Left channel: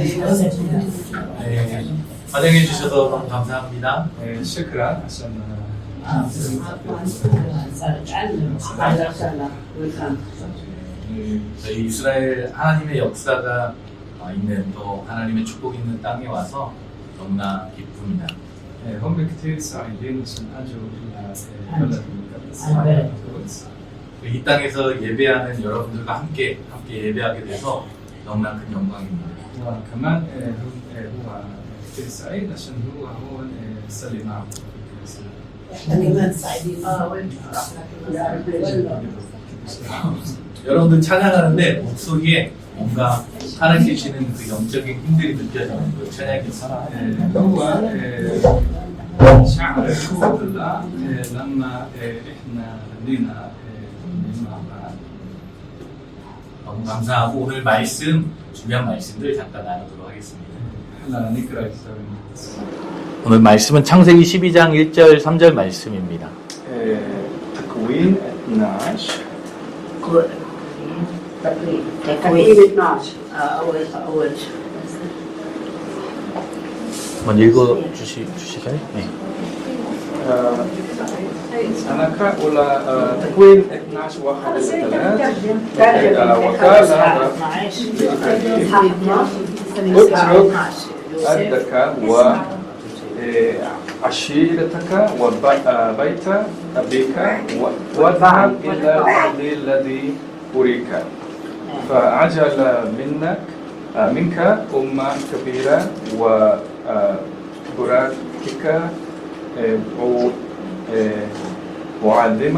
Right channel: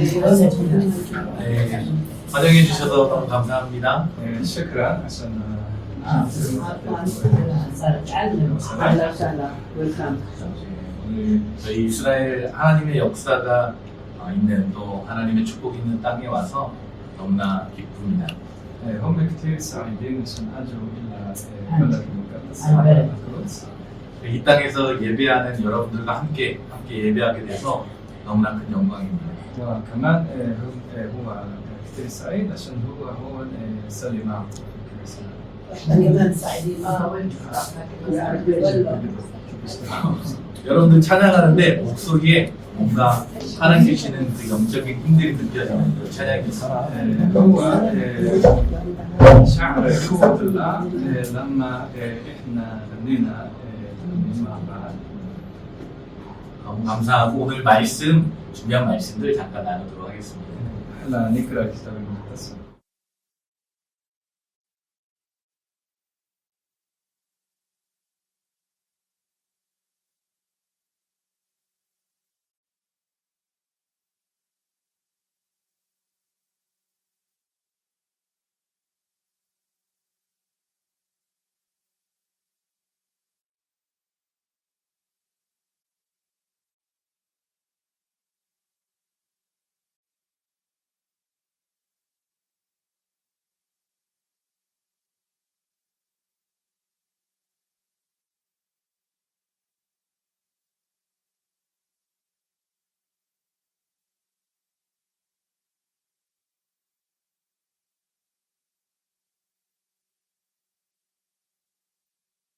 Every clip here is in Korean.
네, 환영해 주셔서 너무 감사합니다. شكرا عشان 저희 이스라엘 하나님의 역사가 있는 또 하나님의 축복이 있는 땅에 와서 너무나 기쁩니다. هم كثير سعيدين عشان اجوا الى البلد المقدس القدس. 이 땅에서 예배하는 여러분들과 함께 예배하게 돼서 너무나 큰 영광입니다. وكمان هو كثير سعيد عشان هو هون يصلي معكم في الكنيسه. 여러분들 찬양하는데 목소리에 뭔가 살아계시는 그 영적인 힘들이 느껴지는 그 찬양이었습니다. هو شعر قوة الله لما احنا غنينا مع بعض. 너무 감사하고 오늘 말씀 중요한 말씀들 잠깐 나누도록 하겠습니다. هلا نقرا الكتاب المقدس. 오늘 말씀은 창세기 12장 1절 3절 말씀입니다. تكوين 12 تكوين 12 أول 한번 읽어 주시겠어요? 네. أنا أقرأ ولا تكوين 12 1 3 وقال اترك أرضك وعشيرتك وبيت أبيك واذهب إلى الأرض الذي أريك فأجعل منك أمة كبيرة وباركك وعظم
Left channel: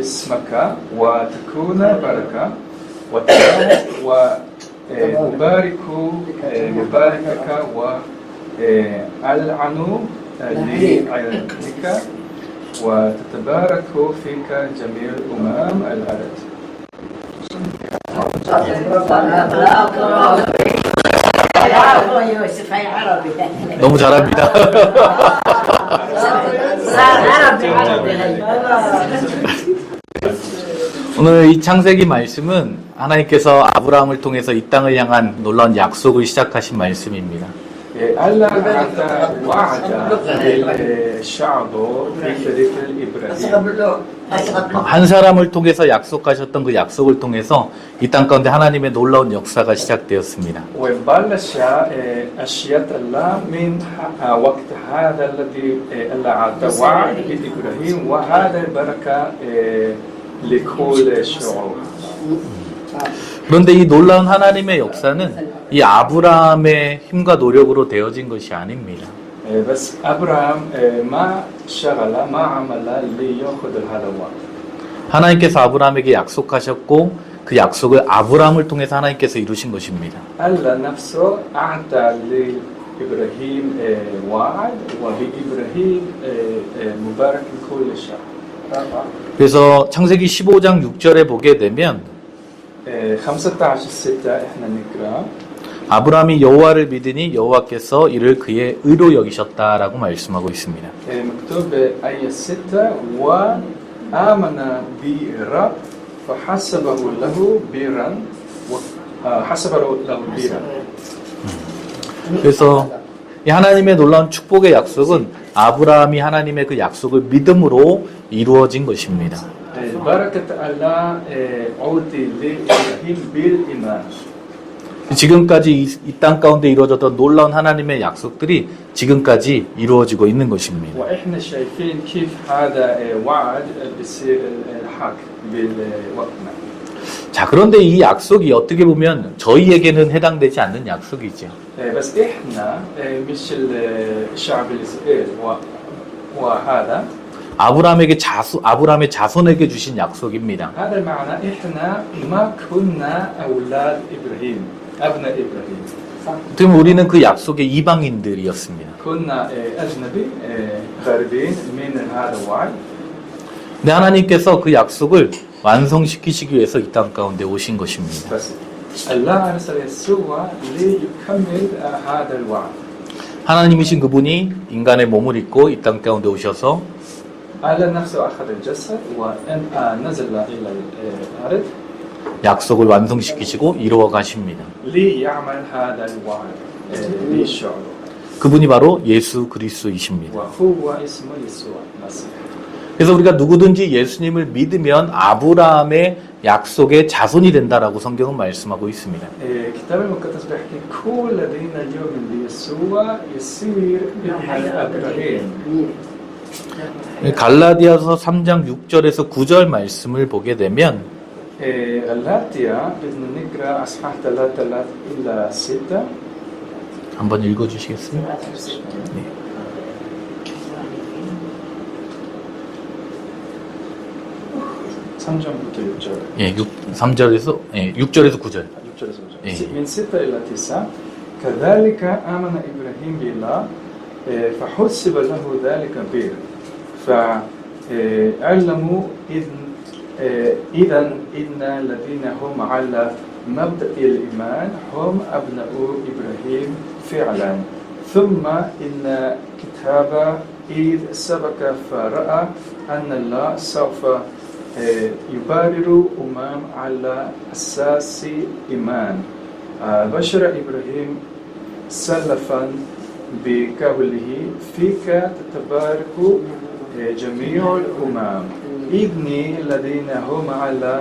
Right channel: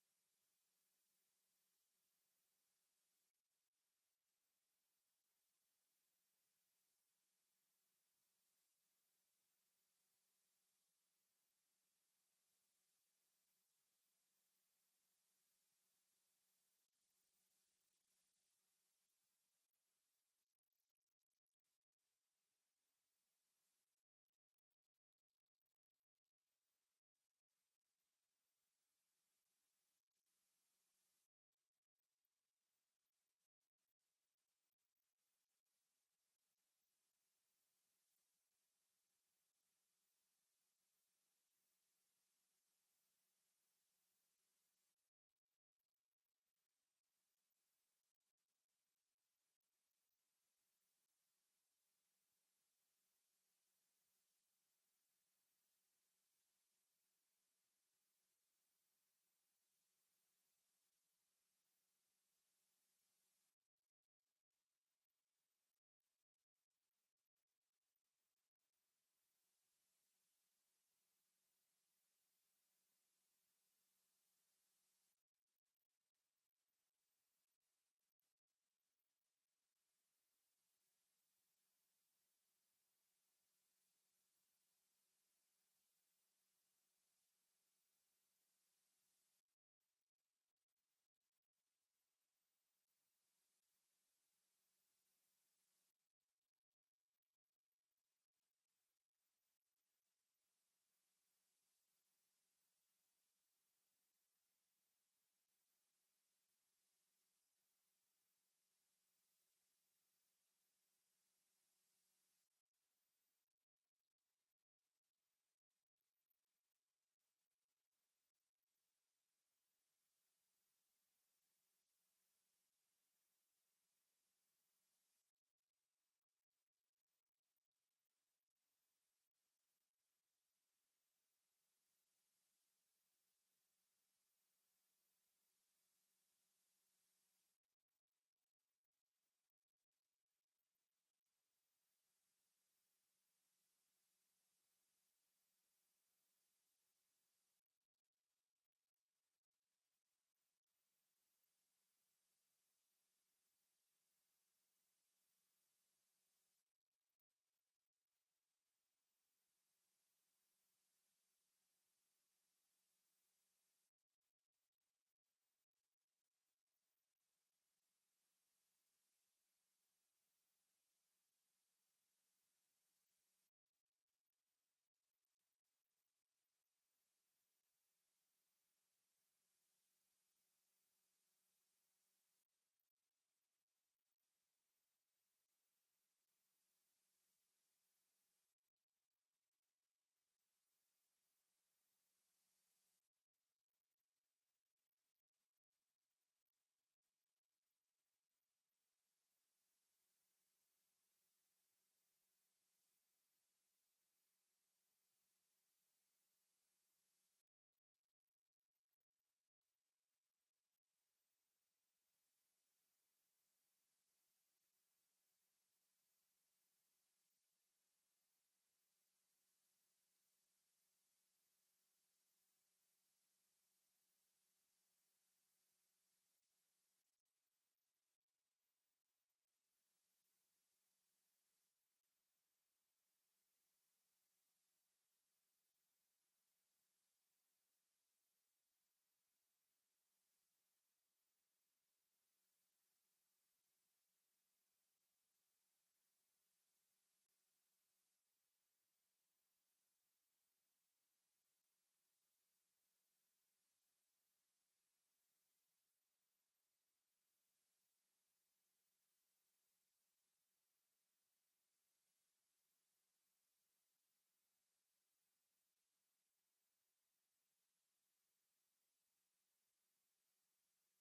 اسمك وتكون بركة وأباركك وألعن لعنتك وتتبارك فيك جميع أمم الأرض. 너무 잘합니다. 오늘 이 창세기 말씀은 하나님께서 아브라함을 통해서 이 땅을 향한 놀라운 약속을 시작하신 말씀입니다. الله أعطى وعد للشعب في طريق الإبراهيم. 한 사람을 통해서 약속하셨던 그 약속을 통해서 이 땅 가운데 하나님의 놀라운 역사가 시작되었습니다. وبلش أشياء الله من وقت هذا الذي الله أعطى وعد لإبراهيم وهذا البركة لكل الشعوب. 그런데 이 놀라운 하나님의 역사는 이 아브라함의 힘과 노력으로 되어진 것이 아닙니다. بس أبراهام ما شغل ما عمل ليأخذ هذا الوعد. 하나님께서 아브라함에게 약속하셨고 그 약속을 아브라함을 통해서 하나님께서 이루신 것입니다. الله نفسه أعطى لإبراهيم وعد وبإبراهيم مبارك لكل الشعب. 그래서 창세기 15장 6절에 보게 되면 15/6 احنا نقرا 아브라함이 여호와를 믿으니 여호와께서 이를 그의 의로 여기셨다라고 말씀하고 있습니다. مكتوب آية 6 وآمن بالرب فحسبه له بيرا حسبه له بيرا. 그래서 이 하나님의 놀라운 축복의 약속은 아브라함이 하나님의 그 약속을 믿음으로 이루어진 것입니다. بركة الله عودي لإبراهيم بالإيمان. 지금까지 이 땅 가운데 이루어졌던 놀라운 하나님의 약속들이 지금까지 이루어지고 있는 것입니다. وإحنا شايفين كيف هذا وعد بيصير الحق بالوقتنا. 자, 그런데 이 약속이 어떻게 보면 저희에게는 해당되지 않는 약속이죠. بس إحنا مش الشعب الإسرائيلي وهذا 아브라함의 자손에게 주신 약속입니다. هذا المعنى إحنا ما كنا أولاد إبراهيم أبناء إبراهيم. 그럼 우리는 그 약속의 이방인들이었습니다. كنا أجنبي غريبين من هذا الوعد. 근데 하나님께서 그 약속을 완성시키시기 위해서 이 땅 가운데 오신 것입니다. بس الله أرسل يسوع ليكمل هذا الوعد. 하나님이신 그분이 인간의 몸을 입고 이 땅 가운데 오셔서 الله نفسه أخذ الجسد ونزل إلى الأرض 약속을 완성시키시고 이루어 가십니다. ليعمل هذا الوعد. بيشعروا 그분이 바로 예수 그리스도이십니다. وهو اسمه يسوع المسيح. 그래서 우리가 누구든지 예수님을 믿으면 아브라함의 약속의 자손이 된다라고 성경은 말씀하고 있습니다. الكتاب المقدس بيحكي كل الذين يؤمن بيسوع يصير ابن ابراهيم. 갈라디아서 3장 6절에서 9절 말씀을 보게 되면 غلاطيا بدنا نقرا اصحاح 3 الى 6. 한번 읽어주시겠어요? 네. 3절부터 6절. 예, 6절에서 9절. 예. من 6 إلى 9. كذلك آمن إبراهيم بالله فحسب له ذلك بر فعلموا إذا إن الذين هم على مبدأ الإيمان هم أبناء إبراهيم فعلا ثم إن كتاب إذ سبق فرأى أن الله سوف يبرر على أساس إيمان بشر إبراهيم سلفا بقوله فيك تتبارك جميع الأمم ابني الذين هم على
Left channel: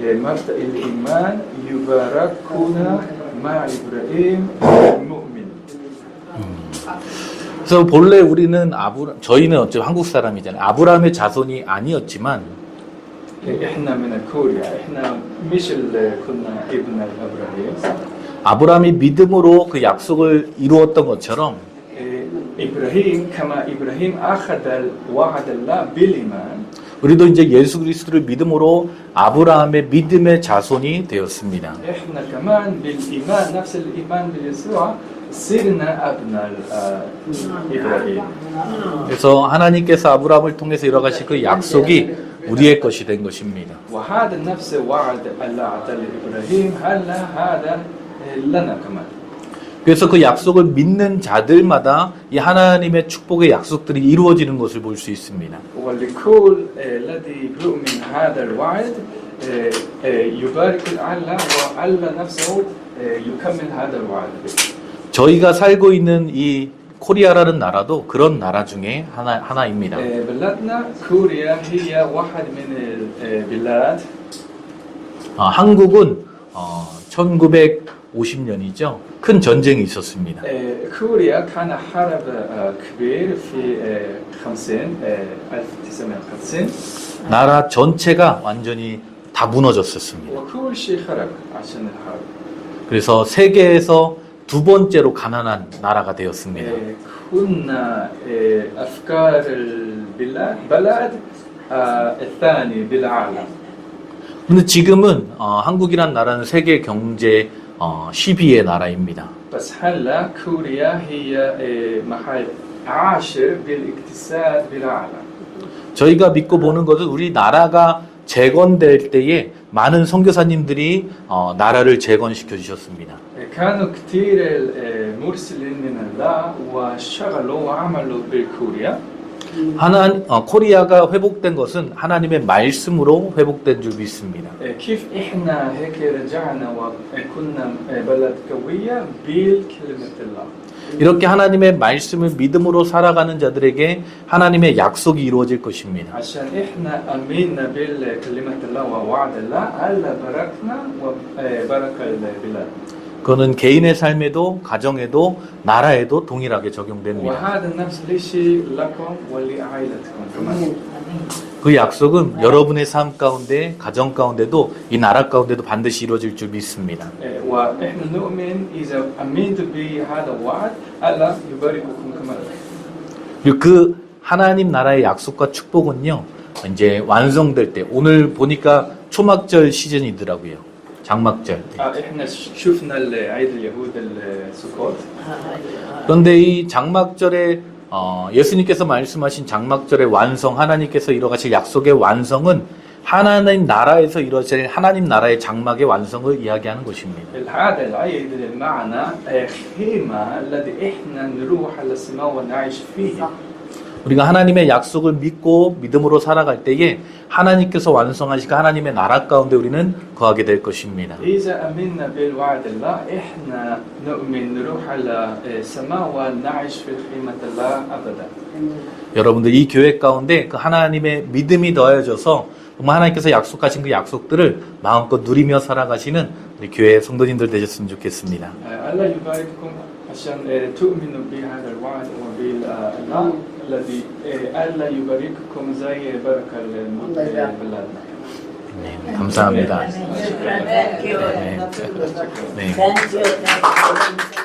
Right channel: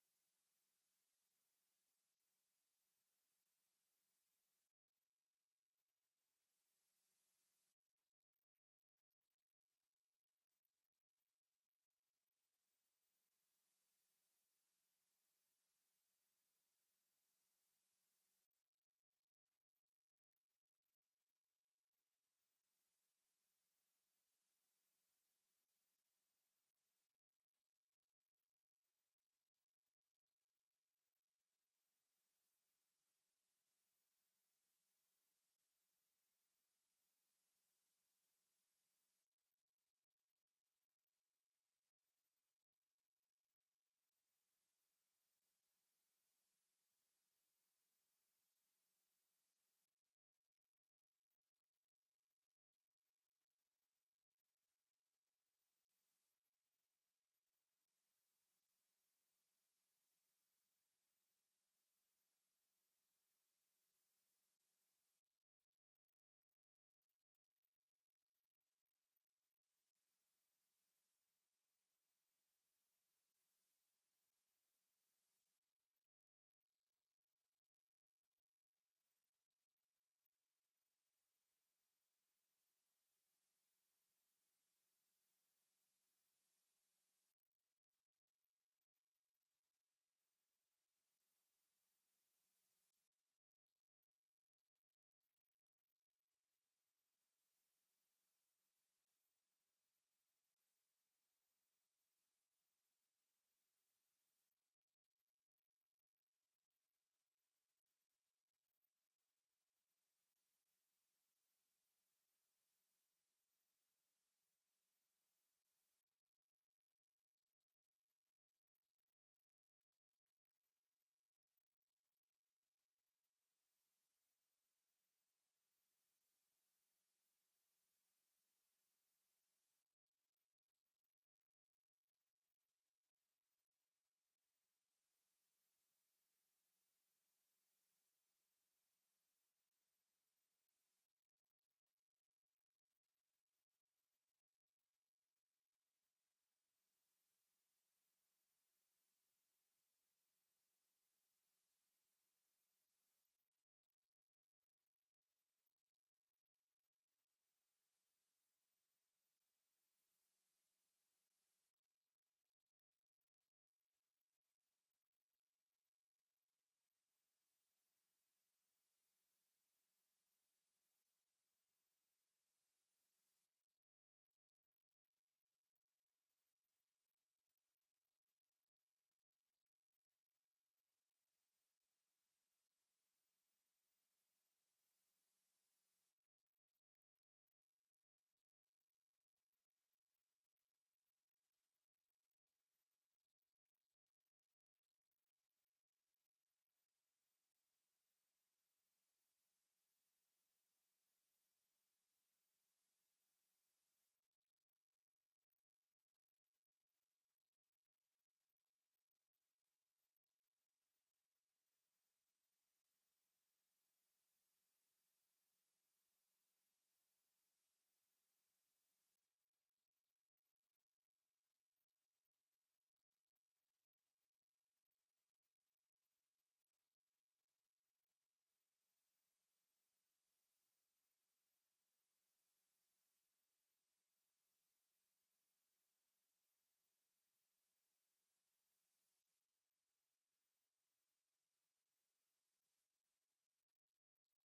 مبدأ الإيمان يباركون مع إبراهيم المؤمن. 그래서 본래 우리는 저희는 어차피 한국 사람이잖아요. 아브라함의 자손이 아니었지만 إحنا من كوريا إحنا مش كنا ابن إبراهيم. 아브라함이 믿음으로 그 약속을 이루었던 것처럼 إبراهيم كما إبراهيم أخذ وعد الله بالإيمان. 우리도 이제 예수 그리스도를 믿음으로 아브라함의 믿음의 자손이 되었습니다. إحنا كمان بالإيمان نفس الإيمان بيسوع صرنا أبناء إبراهيم. 그래서 하나님께서 아브라함을 통해서 이뤄가신 그 약속이 우리의 것이 된 것입니다. وهذا نفس وعد الله أعطى لإبراهيم هلا هذا لنا كمان. 그래서 그 약속을 믿는 자들마다 이 하나님의 축복의 약속들이 이루어지는 것을 볼 수 있습니다. ولكل الذي يؤمن هذا الوعد يبارك الله والله نفسه يكمل هذا الوعد. 저희가 살고 있는 이 코리아라는 나라도 그런 나라 중에 하나입니다. بلادنا كوريا هي واحد من البلاد. 한국은 1950년이죠. 큰 전쟁이 있었습니다. كوريا كان حرب كبير في 1950. 나라 전체가 완전히 다 무너졌었습니다. وكل شيء خرب عشان الحرب. 그래서 세계에서 두 번째로 가난한 나라가 되었습니다. كنا أفكار البلد الثاني بالعالم. 근데 지금은 한국이란 나라는 세계 경제 10위의 나라입니다. بس هلا كوريا هي محل 10 بالاقتصاد بالعالم. 저희가 믿고 보는 것은 우리 나라가 재건될 때에 많은 선교사님들이 나라를 재건시켜 주셨습니다. كانوا كثير مرسلين من الله واشتغلوا وعملوا بكوريا. 코리아가 회복된 것은 하나님의 말씀으로 회복된 줄 믿습니다. كيف احنا هيك رجعنا وكنا بلد قوية بالكلمة الله. 이렇게 하나님의 말씀을 믿음으로 살아가는 자들에게 하나님의 약속이 이루어질 것입니다. عشان احنا امنا بالكلمة الله ووعد الله الله باركنا وبارك البلاد. 그거는 개인의 삶에도 가정에도 나라에도 동일하게 적용됩니다. وهذا نفس الشيء لكم ولعائلتكم كمان. 그 약속은 여러분의 삶 가운데, 가정 가운데도 이 나라 가운데도 반드시 이루어질 줄 믿습니다. واحنا نؤمن اذا امنت بهذا الوعد الله يبارككم كمان. 그리고 그 하나님 나라의 약속과 축복은요, 이제 완성될 때, 오늘 보니까 초막절 시즌이더라고요. 장막절. احنا شفنا عيد اليهود السكوت. 그런데 이 장막절에 예수님께서 말씀하신 장막절의 완성, 하나님께서 이뤄가실 약속의 완성은 하나님 나라에서 이루어질 하나님 나라의 장막의 완성을 이야기하는 것입니다. هذا العيد المعنى خيمة الذي احنا نروح على السماء ونعيش فيه. 우리가 하나님의 약속을 믿고 믿음으로 살아갈 때에 하나님께서 완성하시고 하나님의 나라 가운데 우리는 거하게 될 것입니다. إذا آمنا بالوعد الله إحنا نؤمن نروح على السماء ونعيش في خيمة الله أبدا. 여러분들 이 교회 가운데 그 하나님의 믿음이 더해져서 정말 하나님께서 약속하신 그 약속들을 마음껏 누리며 살아가시는 우리 교회 성도님들 되셨으면 좋겠습니다. الله يبارككم عشان تؤمنوا بهذا الوعد وبالله الذي الله يبارككم زي بركة بلادنا. 네, 감사합니다. Thank you. 네. Thank you.